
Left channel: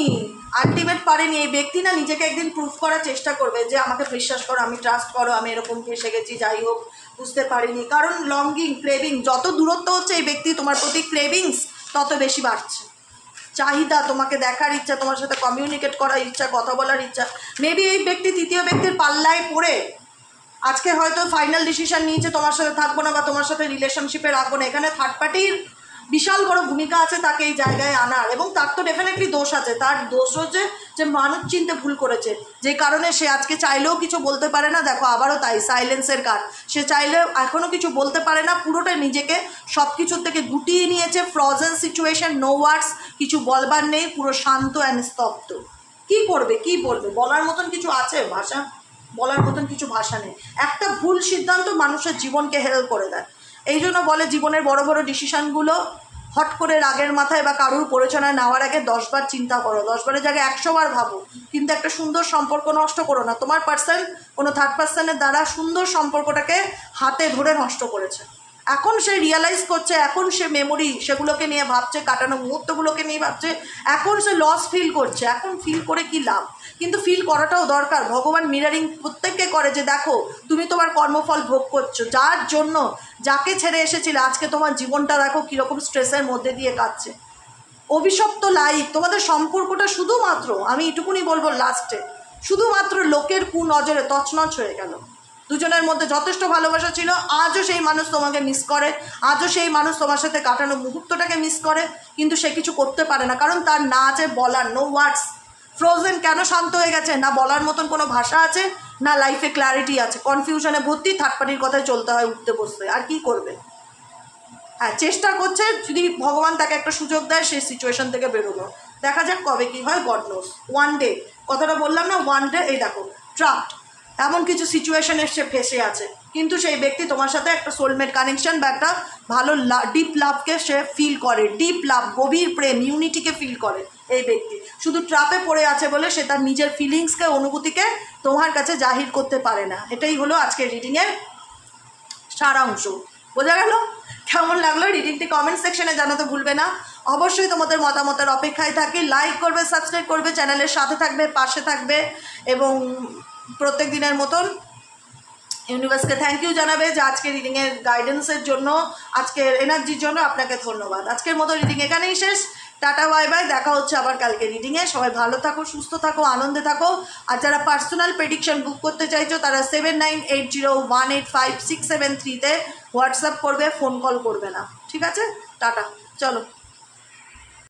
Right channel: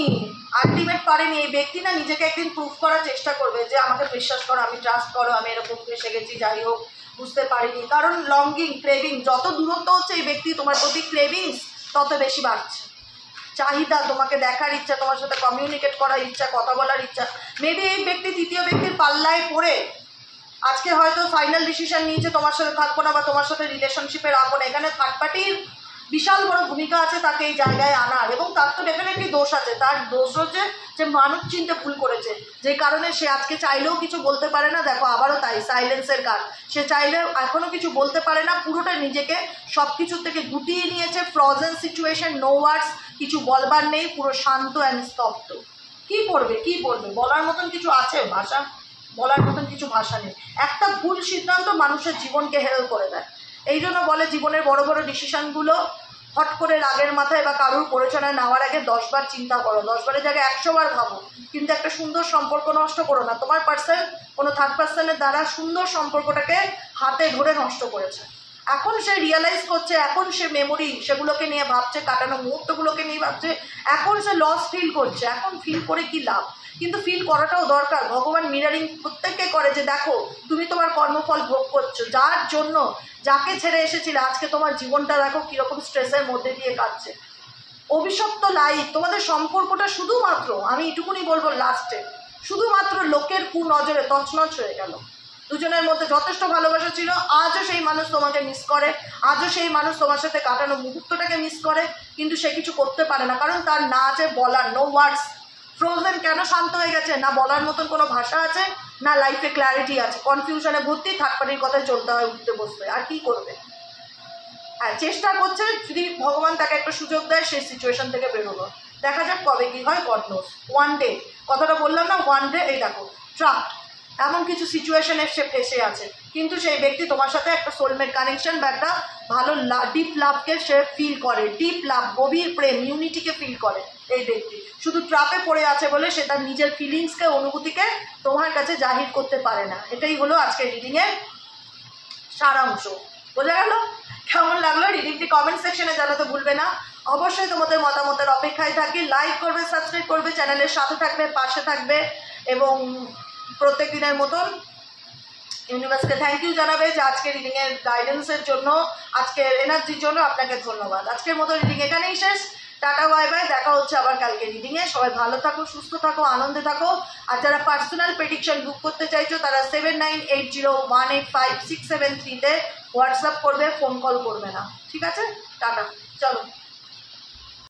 আলটিমেট পারেনি, এই ব্যক্তি না নিজেকে একদিন প্রুভ করার চেষ্টা করবে যে আমাকে বিশ্বাস করো, আমি ট্রাস্ট করো, আমি এরকম ফেসে গেছি, যাই হোক বুঝতে পারিনি। কারণ লঙ্গিং, ক্রেভিং, যত দূরত্ব হচ্ছে এই ব্যক্তি তোমার প্রতি ক্রেভিংস তত বেশি বাড়ছে। চাহিদা, তোমাকে দেখার ইচ্ছা, তোমার সাথে কমিউনিকেট করার ইচ্ছা, কথা বলার ইচ্ছা। মেবি এই ব্যক্তি তৃতীয় ব্যক্তির পাল্লায় পড়ে আজকে হয়তো ফাইনাল ডিসিশন নিয়েছে তোমার সাথে থাকবো না বা তোমার সাথে রিলেশনশিপে রাখবো না। এখানে থার্ড পার্টির বিশাল বড় ভূমিকা আছে তাকে এই জায়গায় আনার, এবং তার তো ডেফিনেটলি দোষ আছে। তার দোষ হচ্ছে যে মানুষ চিনতে ভুল করেছে, যে কারণে সে আজকে চাইলেও কিছু বলতে পারে না। দেখো আবারও তাই, সাইলেন্সের কাজ। সে চাইলে এখনও কিছু বলতে পারে না, পুরোটা নিজেকে সব কিছুর থেকে গুটিয়ে নিয়েছে। ফ্রোজেন সিচুয়েশন, নো ওয়ার্ডস, কিছু বলবার নেই, পুরো শান্ত অ্যান্ড স্তব্ধ। কী করবে, কী বলবে? বলার মতন কিছু আছে ভাষা? বলার মতন কিছু ভাষা নেই। একটা ভুল সিদ্ধান্ত মানুষের জীবনকে হেল করে দেয়। এই জন্য বলে জীবনের বড় বড় ডিসিশনগুলো হট করে রাগের মাথায় বা কারুর প্ররোচনায় নেওয়ার আগে 10 বার চিন্তা করো, 10 বারের জায়গায় 100 বার ভাবো। কিন্তু একটা সুন্দর সম্পর্ক নষ্ট করো না। তোমার পার্সন কোনো থার্ড পার্সনের দ্বারা সুন্দর সম্পর্কটাকে হাতে ধরে নষ্ট করেছে। এখন সে রিয়েলাইজ করছে, এখন সে মেমোরি সেগুলোকে নিয়ে ভাবছে, কাটানো মুহূর্তগুলোকে নিয়ে ভাবছে, এখন সে লস ফিল করছে। এখন ফিল করে কি লাভ? কিন্তু ফিল করাটাও দরকার। ভগবান মিরারিং প্রত্যেককে করে যে দেখো তুমি তোমার কর্মফল ভোগ করছো, যার জন্য, যাকে ছেড়ে এসেছিলে, আজকে তোমার জীবনটা দেখো কীরকম স্ট্রেসের মধ্যে দিয়ে কাটছে। অভিশপ্ত লাইফ। তোমাদের সম্পর্কটা শুধুমাত্র, আমি এটুকুনি বলবো লাস্টে, শুধুমাত্র লোকের কুনজরে তছনছ হয়ে গেল। দুজনের মধ্যে যথেষ্ট ভালোবাসা ছিল, আজও সেই মানুষ তোমাকে মিস করে, আজও সেই মানুষ তোমার সাথে কাটানো মুহূর্তটাকে মিস করে, কিন্তু সে কিছু করতে পারে না, কারণ তার না আছে বলার, নো ওয়ার্ডস। ফ্রোজেন কেন শান্ত হয়ে গেছে? না বলার মতন কোনো ভাষা আছে, না লাইফে ক্ল্যারিটি আছে, কনফিউশনে ভর্তি, থার্ড পার্টির কথায় চলতে হয়, উঠতে বসতে। আর কি করবে? হ্যাঁ, চেষ্টা করছে, যদি ভগবান তাকে একটা সুযোগ দেয় সেই সিচুয়েশন থেকে বেরোনো। দেখা যাক কবে কি হয়, গড নোস। ওয়ান ডে, কথাটা বললাম না, ওয়ান ডে। এই দেখো ট্রাপড, এমন কিছু সিচুয়েশনে সে ফেসে আছে, কিন্তু সেই ব্যক্তি তোমার সাথে একটা সোলমেট কানেকশন বা একটা ভালো ডিপ লাভকে সে ফিল করে। ডিপ লাভ, গভীর প্রেম, ইউনিটিকে ফিল করে এই ব্যক্তি। শুধু ট্রাপে পড়ে আছে বলে সে তার নিজের ফিলিংসকে, অনুভূতিকে তোমার কাছে জাহির করতে পারে না। এটাই হলো আজকের রিডিংয়ের সারাংশ। বোঝা গেল? কেমন লাগলো রিডিংটি কমেন্ট সেকশনে জানাতে ভুলবে না। অবশ্যই তোমাদের মতামতের অপেক্ষায় থাকি। লাইক করবে, সাবস্ক্রাইব করবে, চ্যানেলের সাথে থাকবে, পাশে থাকবে, এবং প্রত্যেক দিনের মতন ইউনিভার্সকে থ্যাংক ইউ জানাবে যে আজকের রিডিংয়ের গাইডেন্সের জন্য, আজকের এনার্জির জন্য আপনাকে ধন্যবাদ। আজকের মতো রিডিং এখানেই শেষ। Tata, bye bye. দেখা হচ্ছে আবার কালকে রিডিংয়ে। সবাই ভালো থাকো, সুস্থ থাকো, আনন্দে থাকো। আর যারা পার্সোনাল প্রেডিকশন বুক করতে চাইছো তারা 7980185673-তে হোয়াটসঅ্যাপ করবে, ফোন কল করবে না। ঠিক আছে? টাটা, চলো।